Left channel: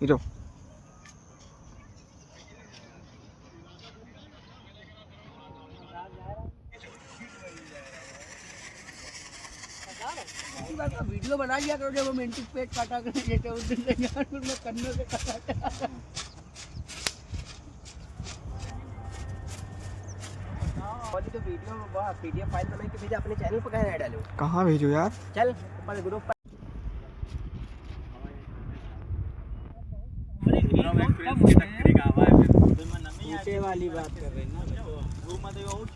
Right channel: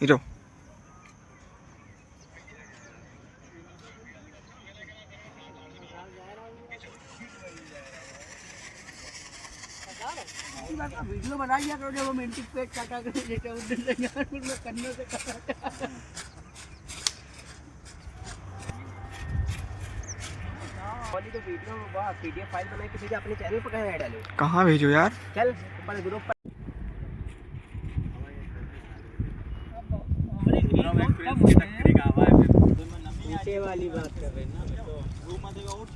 Hero video बनाइए कर जब मिनट पे काटा कर ये तो उस दिन यार मैं करने से काटा वाली तो वीडियो वाह पीडीएफ फाइल बना के भेजा अपने चैनल पे कहां ऐड डालो कहाँ भेजो यार। चल पर ग्रुप पर नीचे वाली बात कर रहे हैं ना तो वो मत और